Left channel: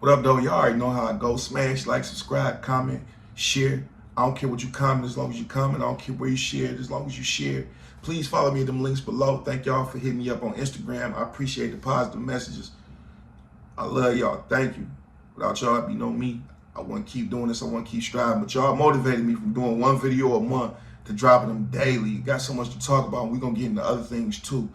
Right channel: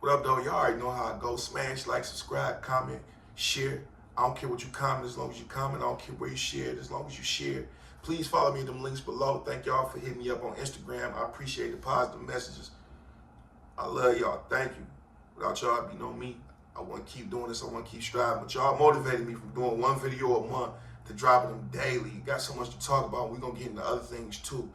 What up, though? Y'all already know how I go. Smash, like, subscribe, comment, share. I don't care what you comment as long as you comment. I don't care where you share it as long as you share. Please follow me in them links below. Thank y'all for hitting me up on Instagram. I appreciate the positive messages. I love y'all. Thank you. Without y'all, it'd be no me. I want to keep doing this. I want to keep striving. But y'all motivated me from doing one video a month to dropping them daily. Got so much to talk about. We're going to get into other things too.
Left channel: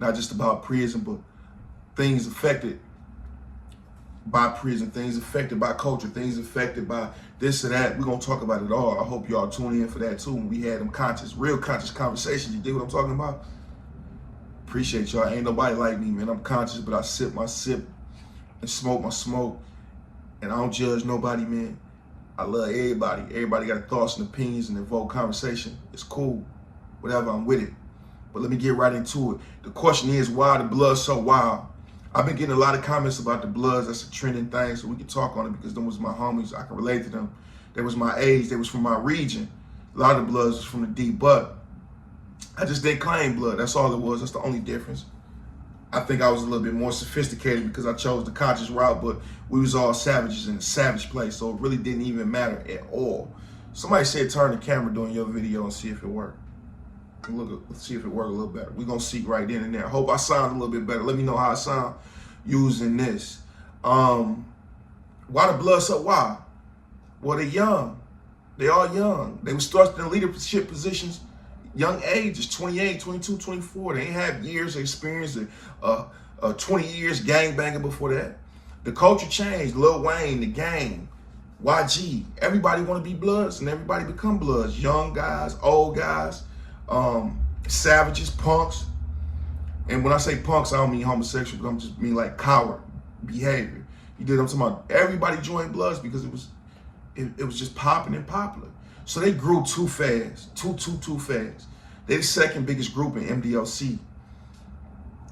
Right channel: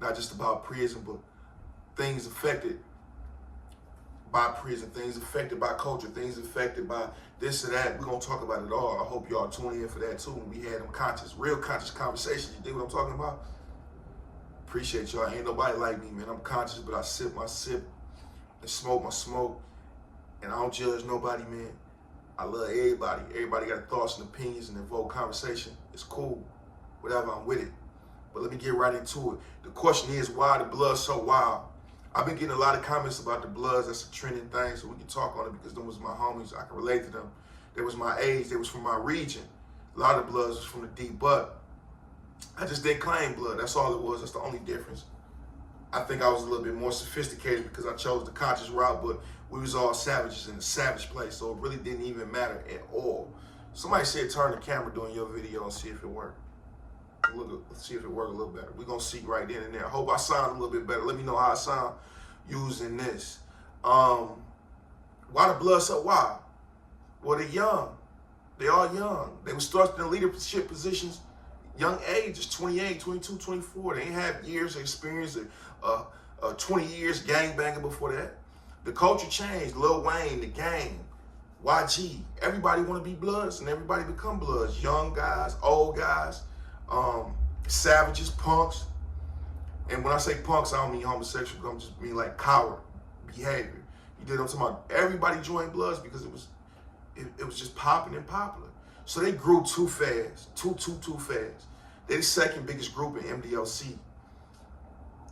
Not just about prison, but things affected by prison, things affected by culture, things affected by this or that. We're going to talk about it all. I hope y'all tune in for that too. When we had them real conscious conversations. You dig what I'm talking about? Appreciate y'all. Ain't nobody like me, man. I'm conscious, but I sip my sip and smoke my smoke. And I don't judge nobody, man. I love everybody. Everybody got thoughts and opinions and invoke conversation. It's cool. Whatever, I'm with it. But let me get right into it. The question is, why the blood so wild? I've been getting a lot of comments about the Bloods. That's a trending thing, so we can talk on it because them was my homies. I can relate to them. They was my age. They was from my region. A lot of the Bloods was from the D, but I just didn't claim blood. That's all it was. That's the only difference. I think I was a little bit more sophisticated because I chose the conscious route, but we was all savages in a savage place, so it really didn't even matter at all. Somebody said turn the camera during your video and see if it worked. Let's see if it worked a little better. We're going to see right then and there. I hope I sound a little bit better. Let me know how I sound using this. Why the blood so wild? Well, they're young. They all young. They were starting in leadership positions, young ages, 28, 22, 24. They ain't had years of experience, 20 years gangbanging before that. The culture changed. Lil Wayne, the gang, YG. Everybody want to be Bloods, and everybody become Bloods. Young guys, old guys. Savages, punks. And when I say punks, I don't mean homosexual, but I'm just mean like coward behavior. You did what I'm talking about? Everybody joined Bloods because it was just popping and popular. So they grew too fast, too fast. They're the second biggest group in MDLC.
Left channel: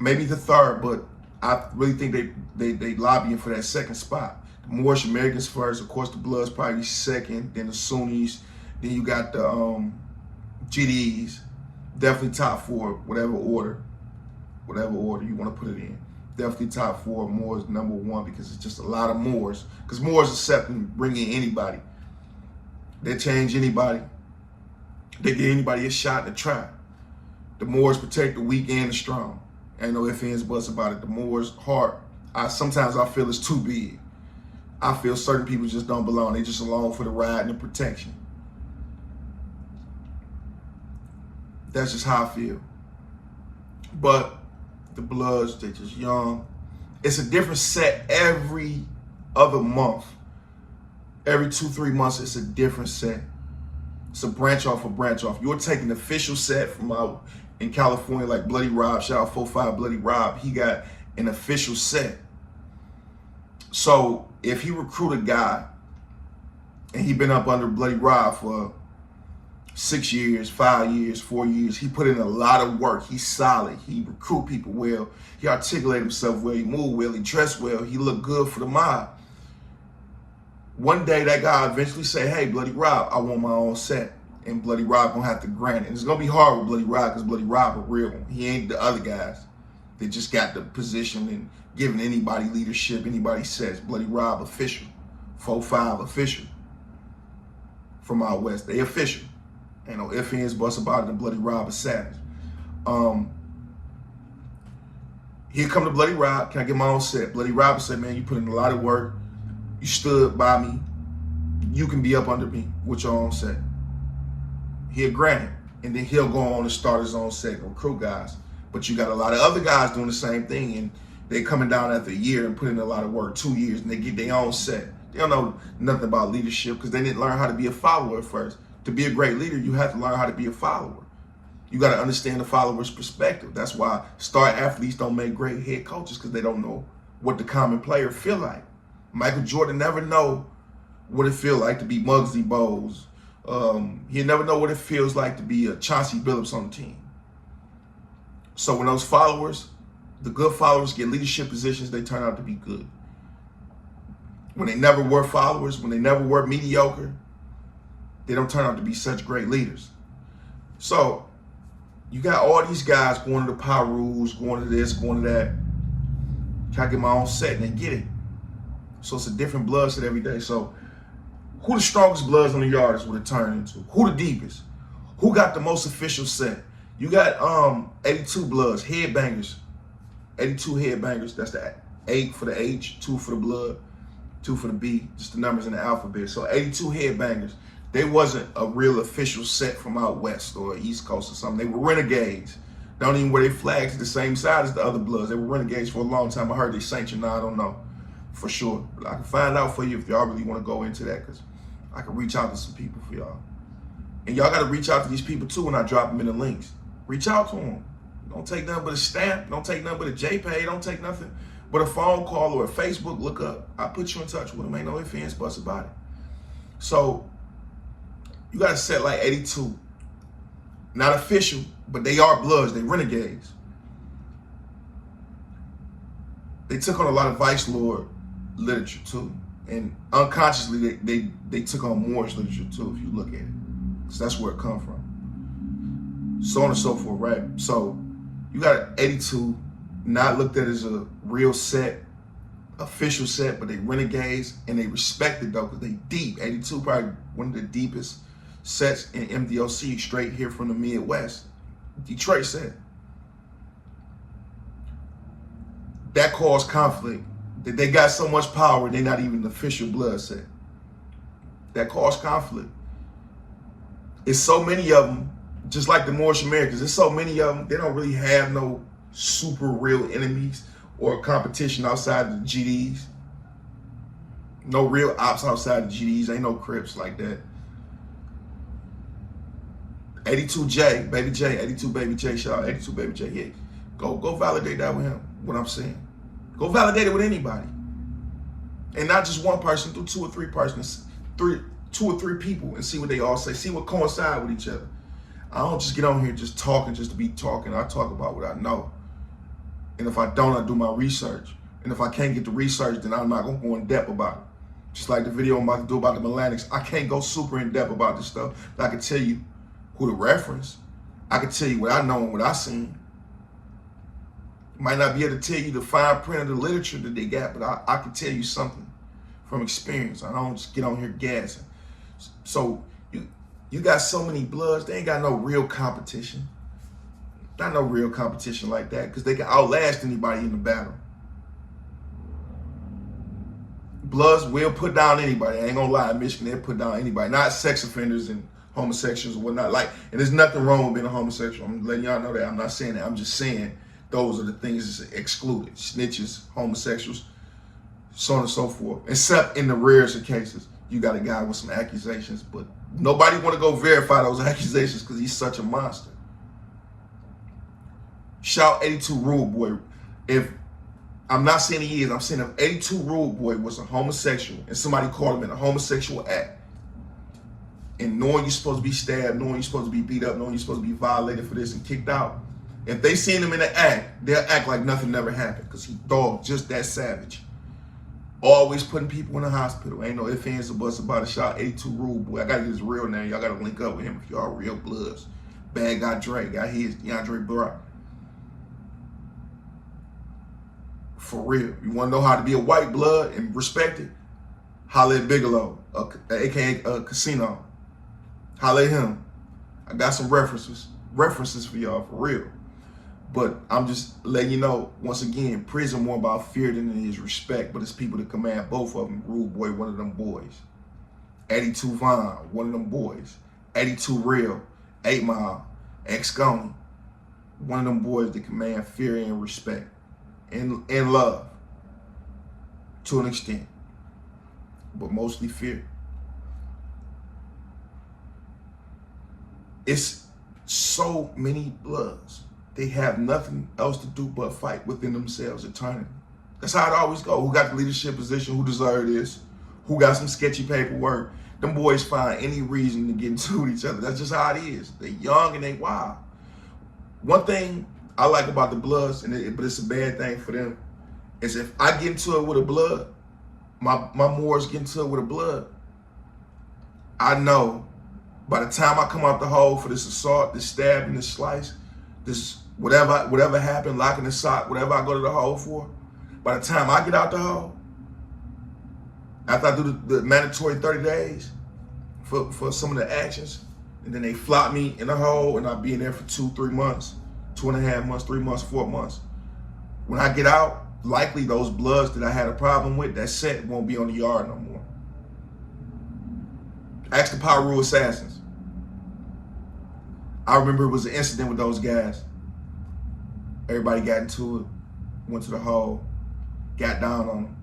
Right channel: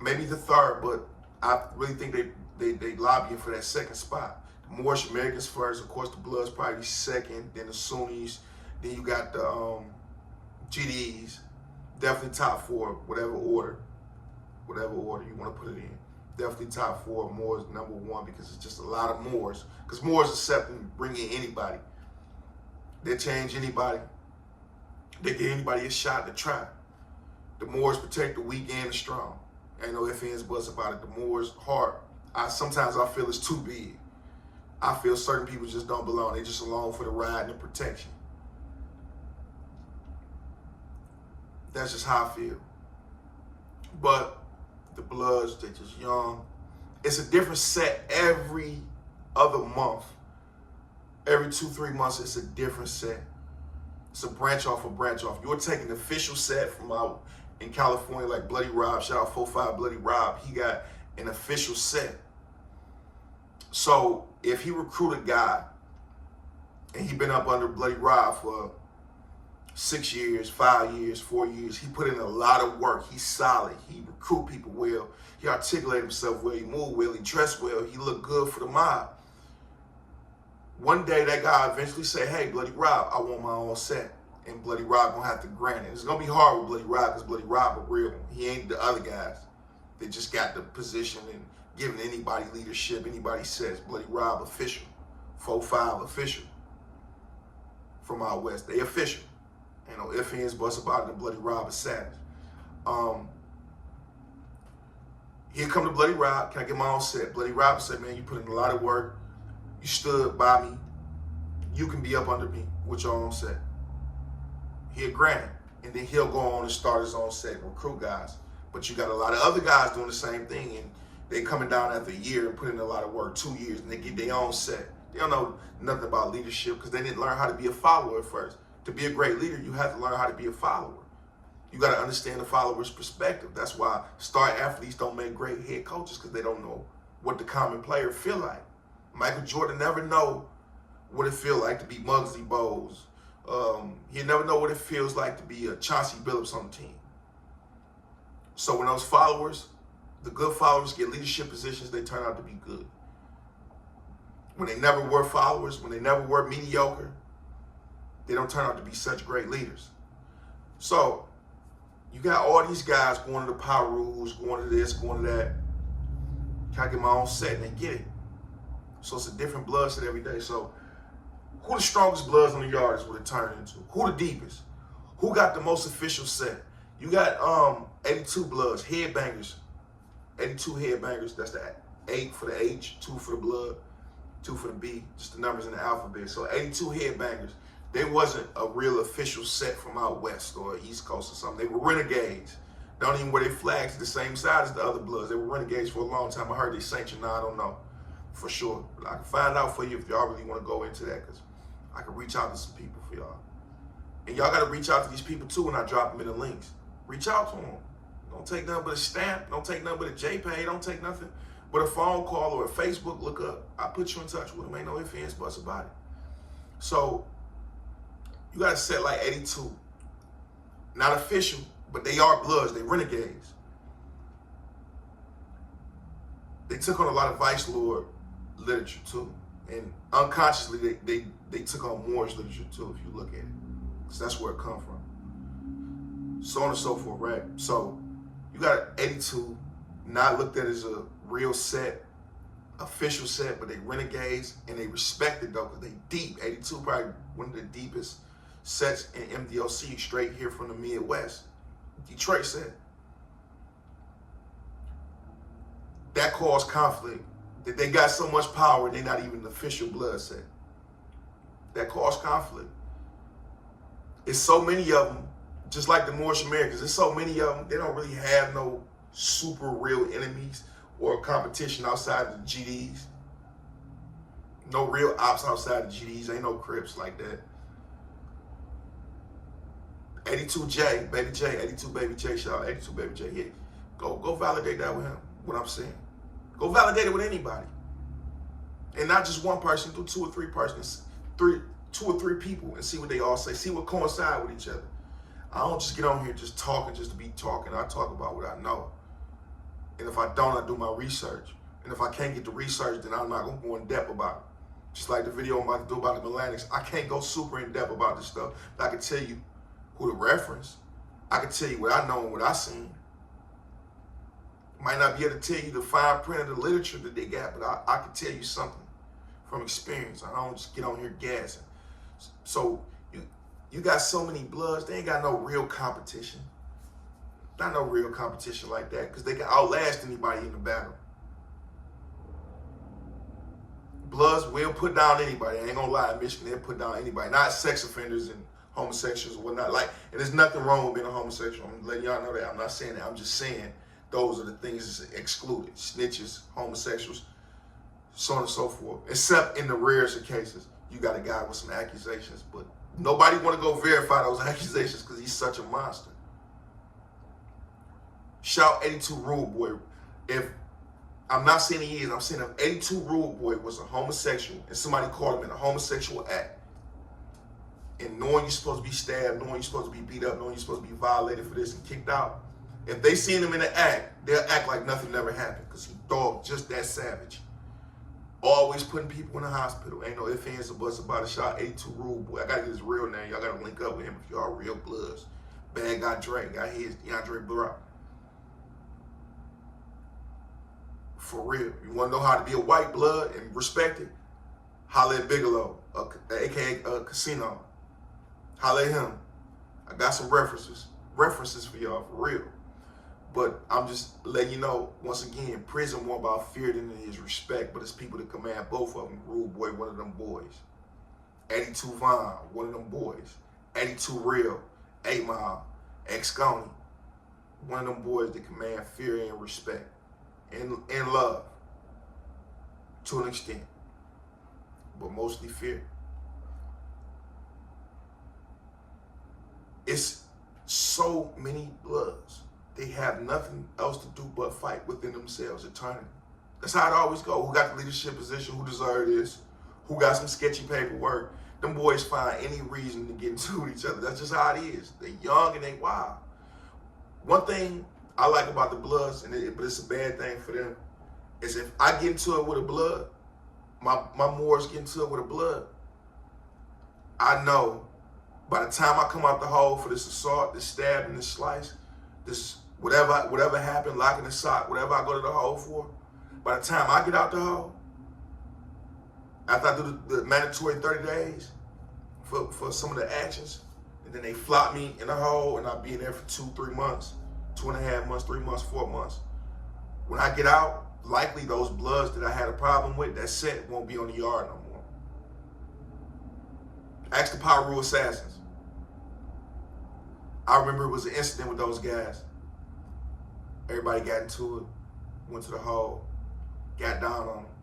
Maybe the third, but I really think they lobbying for that second spot. The Moorish Americans first, of course the Bloods probably second, then the Sunnis, then you got the GDs, definitely top four, whatever order you want to put it in. Definitely top four. Moors number one because it's just a lot of Moors. Because Moors accept and bring in anybody. They change anybody. They give anybody a shot to try. The Moors protect the weak and the strong. Ain't no ifs, ands, buts about it. The Moors' heart, sometimes I feel it's too big. I feel certain people just don't belong. They just along for the ride and the protection. That's just how I feel. But the Bloods, they're just young. It's a different set every other month. Every 2-3 months, it's a different set. It's a branch off. You're taking the official set from out in California, like Bloody Rob, shout out 4-5 Bloody Rob. He got an official set. So if he recruit a guy and he been up under Bloody Rob for 6 years, 5 years, 4 years. He put in a lot of work. He's solid. He recruit people well. He articulate himself well. He move well. He dress well. He look good for the mob. One day that guy eventually say, hey, Bloody Rob, I want my own set. And Bloody Rob gonna have to grant it. And it's gonna be hard with Bloody Rob because Bloody Rob a real one. He ain't the other guys that just got the position and giving anybody leadership, anybody sets. Bloody Rob official. 4-5 official. From out west. They official. Ain't no ifs, ands, buts about it. And Bloody Rob is savage. Here come the Bloody Rob. Can I get my own set? Bloody Rob said, man, you put in a lot of work. You stood by me. You can be up under me with your own set. He'll grant it. And then he'll go on and start his own set, recruit guys. But you got a lot of other guys doing the same thing. And they coming down after a year and putting in a lot of work, 2 years, and they get their own set. They don't know nothing about leadership because they didn't learn how to be a follower at first. To be a great leader, you have to learn how to be a follower. You got to understand the follower's perspective. That's why star athletes don't make great head coaches because they don't know what the common player feel like. Michael Jordan never know what it feel like to be Muggsy Bogues. He'll never know what it feels like to be a Chauncey Billups on the team. So when those followers, the good followers get leadership positions, they turn out to be good. When they never were followers, when they never were mediocre, they don't turn out to be such great leaders. So you got all these guys going to the power rules, going to this, going to that. Can I get my own set? And they get it. So it's a different blood set every day. So who the strongest bloods on the yard is what it turned into. Who the deepest? Who got the most official set? You got 82 bloods, headbangers. 82 headbangers. That's the 8 for the H, 2 for the blood, 2 for the B, just the numbers in the alphabet. So 82 headbangers. They wasn't a real official set from out west or east coast or something. They were renegades. They don't even wear their flags the same side as the other bloods. They were renegades for a long time. I heard they sanctioned. Now I don't know for sure. But I can find out for you if y'all really want to go into that, because I can reach out to some people for y'all. And y'all got to reach out to these people too when I drop them in the links. Reach out to them. Don't take nothing but a stamp. Don't take nothing but a JPay. Don't take nothing but a phone call or a Facebook look up. I'll put you in touch with them. Ain't no ifs, ands, buts about it. So you got to set like 82. Not official, but they are bloods. They renegades. They took on a lot of Vice Lord literature too. And unconsciously, they took on Moorish literature too, if you look at it. Because that's where it come from. So on and so forth, right? So you got 82, not looked at as a real set, official set, but they renegades, and they respected though, because they deep. 82 probably one of the deepest sets in MDOC, straight here from the Midwest. Detroit set. That caused conflict. That they got so much power, they're not even an official blood set. That caused conflict. It's so many of them, just like the Moorish Americans, there's so many of them, they don't really have no super real enemies or competition outside the GDs. No real ops outside the GDs. Ain't no Crips like that. 82J, Baby J, 82 Baby J, shout out 82 Baby J. Yeah, go validate that with him, what I'm saying. Go validate it with anybody. And not just one person, do 2 or 3 persons, 2 or 3 people, and see what they all say. See what coincide with each other. I don't just get on here just talking just to be talking. I talk about what I know. And if I don't, I do my research. And if I can't get the research, then I'm not going to go in depth about it. Just like the video I'm about to do about the Melanix. I can't go super in depth about this stuff, but I can tell you who to reference. I can tell you what I know and what I seen. Might not be able to tell you the fine print of the literature that they got, but I can tell you something from experience. I don't just get on here gassing. So you got so many bloods, they ain't got no real competition. Not no real competition like that, because they can outlast anybody in the battle. Bloods will put down anybody. I ain't gonna lie, in Michigan, they'll put down anybody. Not sex offenders and homosexuals and whatnot. Like, and there's nothing wrong with being a homosexual. I'm letting y'all know that. I'm not saying that. I'm just saying those are the things that's excluded. Snitches, homosexuals, so on and so forth. Except in the rarest of cases, you got a guy with some accusations, but nobody want to go verify those accusations because he's such a monster. Shout 82 Rude Boy. If I'm not saying he is, I'm saying if 82 Rude Boy was a homosexual and somebody called him in a homosexual act, and knowing you're supposed to be stabbed, knowing you're supposed to be beat up, knowing you're supposed to be violated for this and kicked out, if they seen him in an act, they'll act like nothing never happened because he dog just that savage. Always putting people in the hospital. Ain't no ifs, ands, or buts about it. Shout 82 Rude Boy. I gotta get his real name. Y'all gotta link up with him if y'all real bloods. Bad guy Dre. Got his DeAndre Brock. For real. You wanna know how to be a white blood and respect it? Holla at Bigelow, aka Casino. Holla at him. I got some references for y'all, for real. But I'm just letting you know, once again, prison more about fear than it is respect, but it's people that command both of them. Rude Boy, one of them boys. 82 Vaughn, one of them boys. 82 Real, 8 Mile, ex-Coney, one of them boys that command fear and respect and love to an extent, but mostly fear. It's so many bloods. They have nothing else to do but fight within themselves eternally. That's how it always goes. Who got the leadership position? Who deserve this? Who got some sketchy paperwork? Them boys find any reason to get into each other. That's just how it is. They young and they wild. One thing I like about the bloods, but it's a bad thing for them, is if I get into it with a blood, my Moors get into it with a blood, I know by the time I come out the hole for this assault, this stabbing, this slice, this whatever happened, locking the sock, whatever I go to the hole for, by the time I get out the hole, After I do the mandatory 30 days for some of the actions, and then they flop me in a hole, and I'll be in there for 2-3 months, 2.5 months, 3 months, 4 months. When I get out, likely those bloods that I had a problem with, that scent won't be on the yard no more. Ask the Power Rule Assassins. I remember it was an incident with those guys. Everybody got into it, went to the hole, got down on them.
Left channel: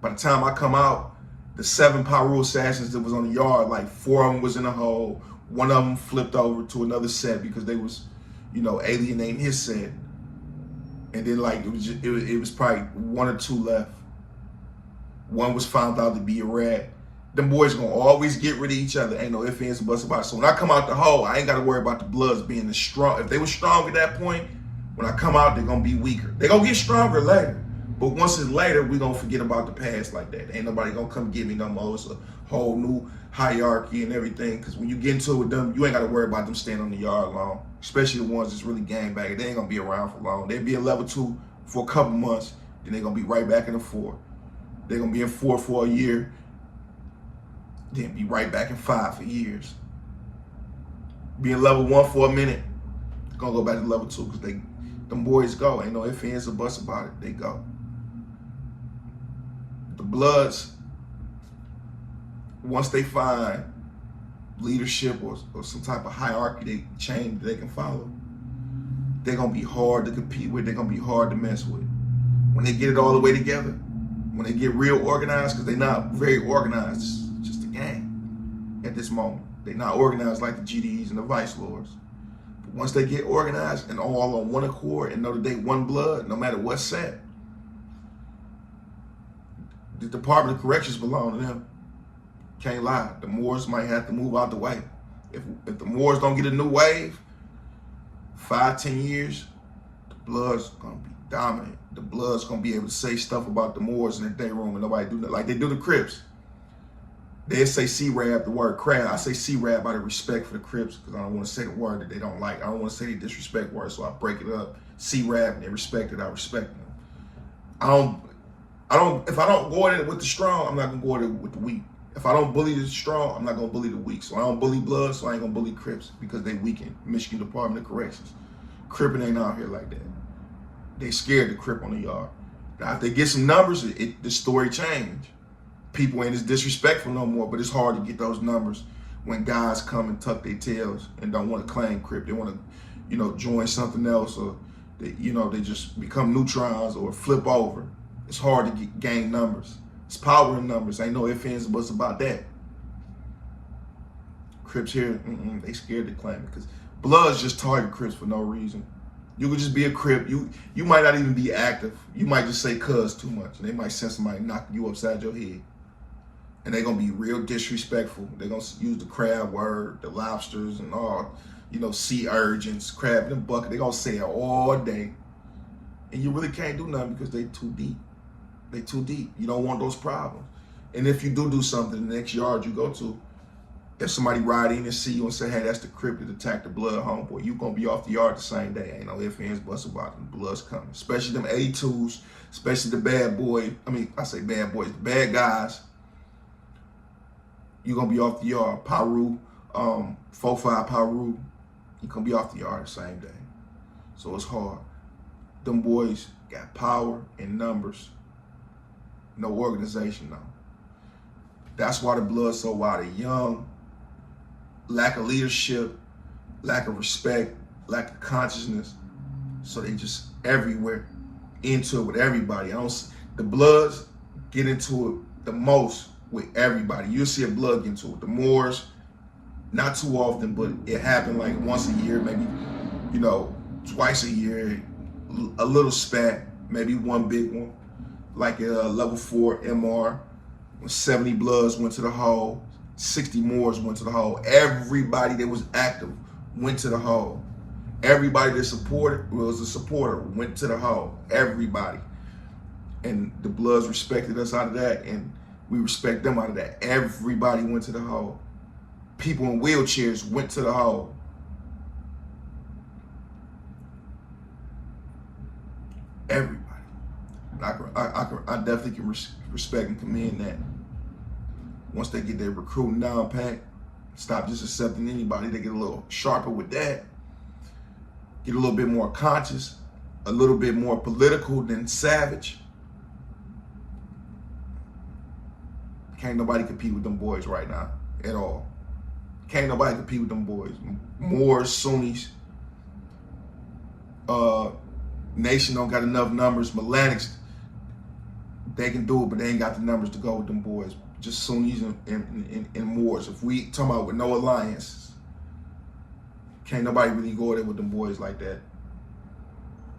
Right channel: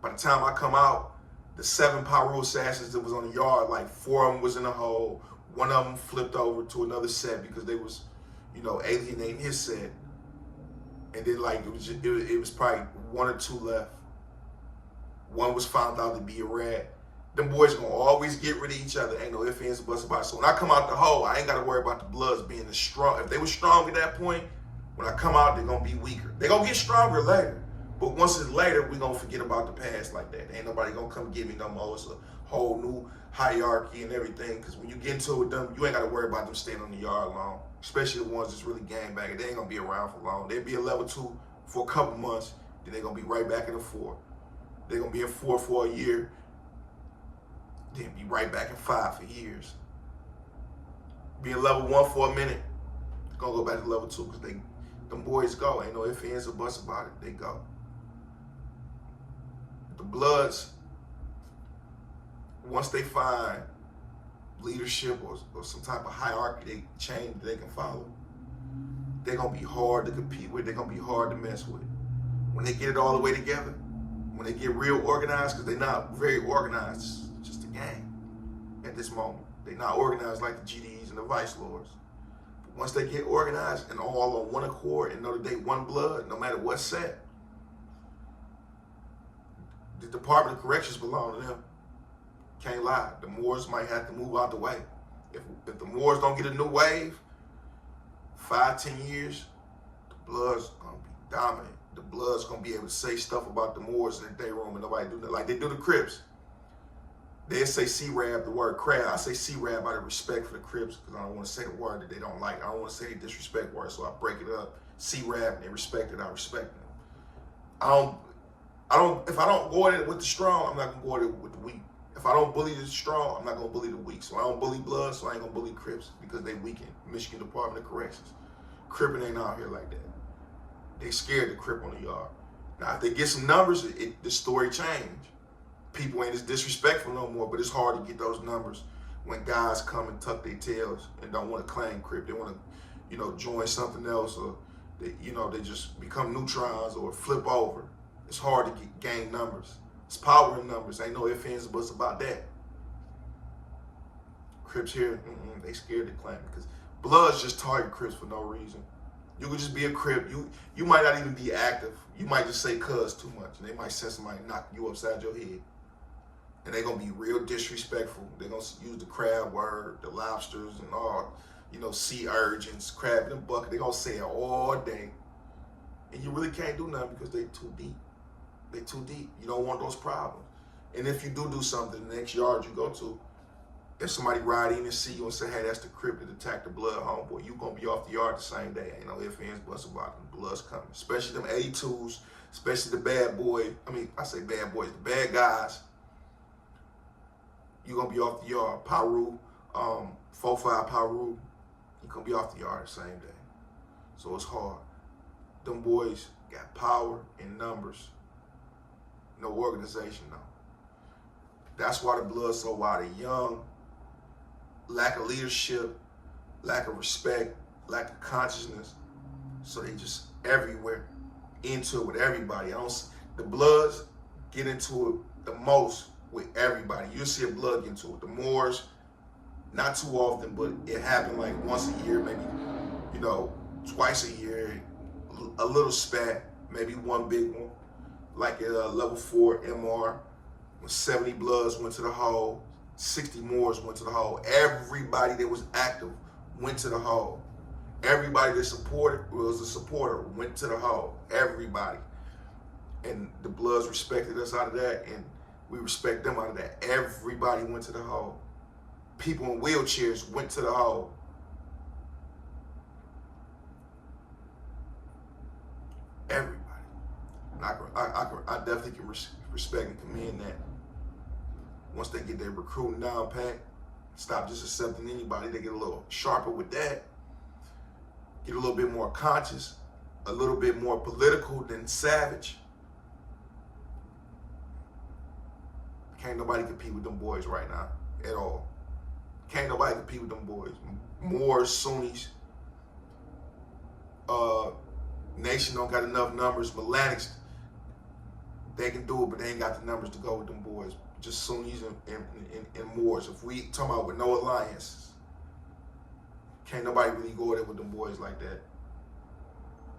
By the time I come out, the 7 Power Rule Assassins that was on the yard, like 4 of them was in the hole. 1 of them flipped over to another set because they was, alienating his set. And then like it was probably 1 or 2 left. 1 was found out to be a rat. Them boys gonna always get rid of each other. Ain't no ifs, ands, or buts about it. So when I come out the hole, I ain't gotta worry about the bloods being as strong. If they were strong at that point, when I come out, they're gonna be weaker. They're gonna get stronger later. But once it's later, we gonna forget about the past like that. Ain't nobody gonna come get me no more. It's a whole new hierarchy and everything. Because when you get into it with them, you ain't gotta worry about them staying on the yard long. Especially the ones that's really gang banging. They ain't gonna be around for long. They'll be a level 2 for a couple months, then they're gonna be right back in the 4. They're gonna be in 4 for a year, then be right back in 5 for years. Being level 1 for a minute, gonna go back to level 2 because them boys go. Ain't no ifs, ands, or buts about it. They go. The bloods, once they find leadership or some type of hierarchy they chain that they can follow, they're gonna be hard to compete with. They're gonna be hard to mess with. When they get it all the way together, when they get real organized, because they're not very organized, it's just a gang at this moment. They're not organized like the GDs and the Vice Lords. But once they get organized and all on one accord and know that they one blood, no matter what's said, the Department of Corrections belong to them. Can't lie. The Moors might have to move out the way. If the Moors don't get a new wave, 5-10 years, the Bloods gonna be dominant. The Bloods gonna be able to say stuff about the Moors in their day room and nobody do that like they do the Crips. They say C-Rab, the word crab. I say C-Rab out of respect for the Crips because I don't want to say the word that they don't like. I don't want to say the disrespect word, so I break it up. C-Rab, and they respect it. I respect them. If I don't go at it with the strong, I'm not gonna go at it with the weak. If I don't bully the strong, I'm not gonna bully the weak. So I don't bully Bloods, so I ain't gonna bully Crips because they weaken Michigan Department of Corrections. Crippin' ain't out here like that. They scared to Crip on the yard. Now, if they get some numbers, the story change. People ain't as disrespectful no more, but it's hard to get those numbers when guys come and tuck their tails and don't want to claim Crip. They want to, join something else, or they just become neutrons or flip over. It's hard to gain numbers. It's power in numbers. Ain't no ifs, ands, or buts about that. Crips here, they scared to claim it because Bloods just target Crips for no reason. You could just be a Crip. You might not even be active. You might just say cuz too much, and they might send somebody knocking you upside your head. And they're going to be real disrespectful. They're going to use the crab word, the lobsters, and all, sea urchins, crab in a bucket. They're going to say it all day. And you really can't do nothing because they too deep. They too deep. You don't want those problems. And if you do something, the next yard you go to, if somebody ride in and see you and say, hey, that's the Crip that attacked the Blood homeboy, you going to be off the yard the same day. Ain't no ifs, ands, buts about it. The Blood's coming. Especially them 82s, especially the bad boy. I say bad boys, the bad guys. You're going to be off the yard. Paru, 4-5 Paru, you're going to be off the yard the same day. So it's hard. Them boys got power in numbers. No organization, though. That's why the Blood's so wild. They're young, lack of leadership, lack of respect, lack of consciousness. So they just everywhere, into it with everybody. The Bloods get into it the most with everybody. You'll see a Blood get into it. The Moors, not too often, but it happened like once a year, maybe, twice a year, a little spat, maybe one big one, like a level 4 MR, when 70 Bloods went to the hole, 60 Moors went to the hole. Everybody that was active went to the hole. Everybody that supported was a supporter, went to the hole. Everybody. And the Bloods respected us out of that, and we respect them out of that. Everybody went to the hole. People in wheelchairs went to the hole. Everybody. I definitely can respect and commend that. Once they get their recruiting down pat, stop just accepting anybody. They get a little sharper with that. Get a little bit more conscious, a little bit more political than savage. Can't nobody compete with them boys right now at all. Can't nobody compete with them boys. Moors, Sunnis, Nation don't got enough numbers. Melanics, they can do it, but they ain't got the numbers to go with them boys. Just Sunnis and Moors. If we talking about with no alliances, can't nobody really go there with them boys like that.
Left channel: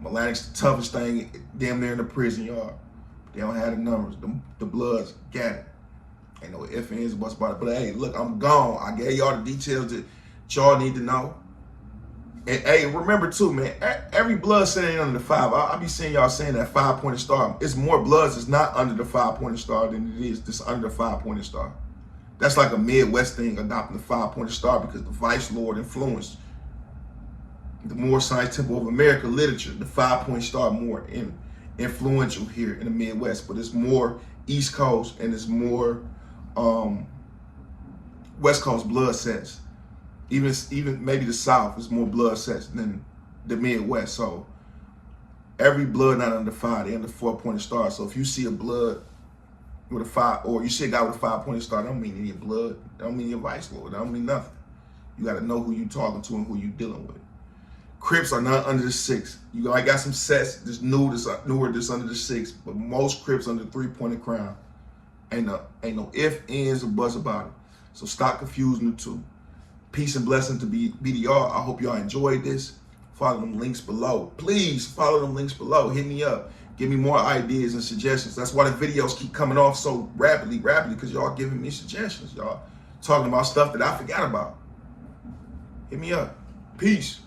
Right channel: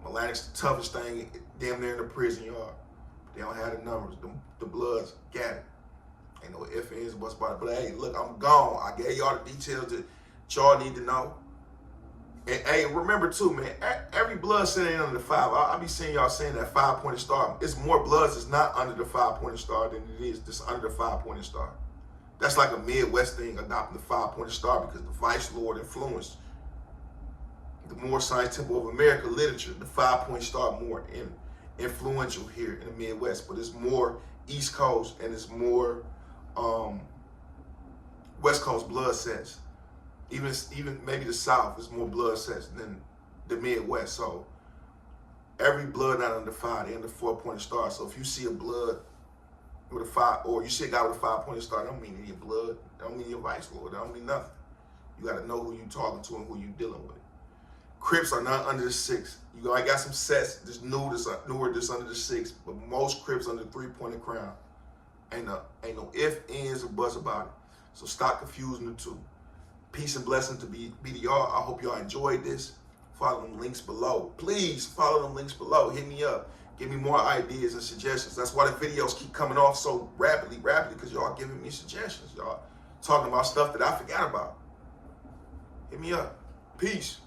Melanics the toughest thing damn near in the prison yard. But they don't have the numbers. The Bloods got it. Ain't no ifs, ands, buts about it. But hey, look, I'm gone. I gave y'all the details that y'all need to know. And hey, remember too, man, every blood set ain't under the 5. I be seeing y'all saying that 5-pointed star. It's more bloods that's not under the 5-pointed star than it is that's under the 5-pointed star. That's like a Midwest thing, adopting the 5-pointed star, because the Vice Lord influenced the more Science Temple of America literature. The 5-point star more influential here in the Midwest, but it's more East Coast and it's more West Coast blood sets. Even maybe the South is more blood sets than the Midwest. So every blood not under 5, they under 4-pointed star. So if you see a blood with a 5, or you see a guy with a 5-pointed star, that don't mean any blood. That don't mean your Vice Lord. That don't mean nothing. You got to know who you talking to and who you dealing with. Crips are not under the 6. I got some sets that's newer that's under the 6, but most Crips under the 3-pointed crown. Ain't no ifs, ands, or buts about it. So stop confusing the two. Peace and blessings to ByrdEl. I hope y'all enjoyed this. Follow them links below. Please follow them links below. Hit me up. Give me more ideas and suggestions. That's why the videos keep coming off so rapidly, because y'all giving me suggestions. Y'all talking about stuff that I forgot about. Hit me up. Peace.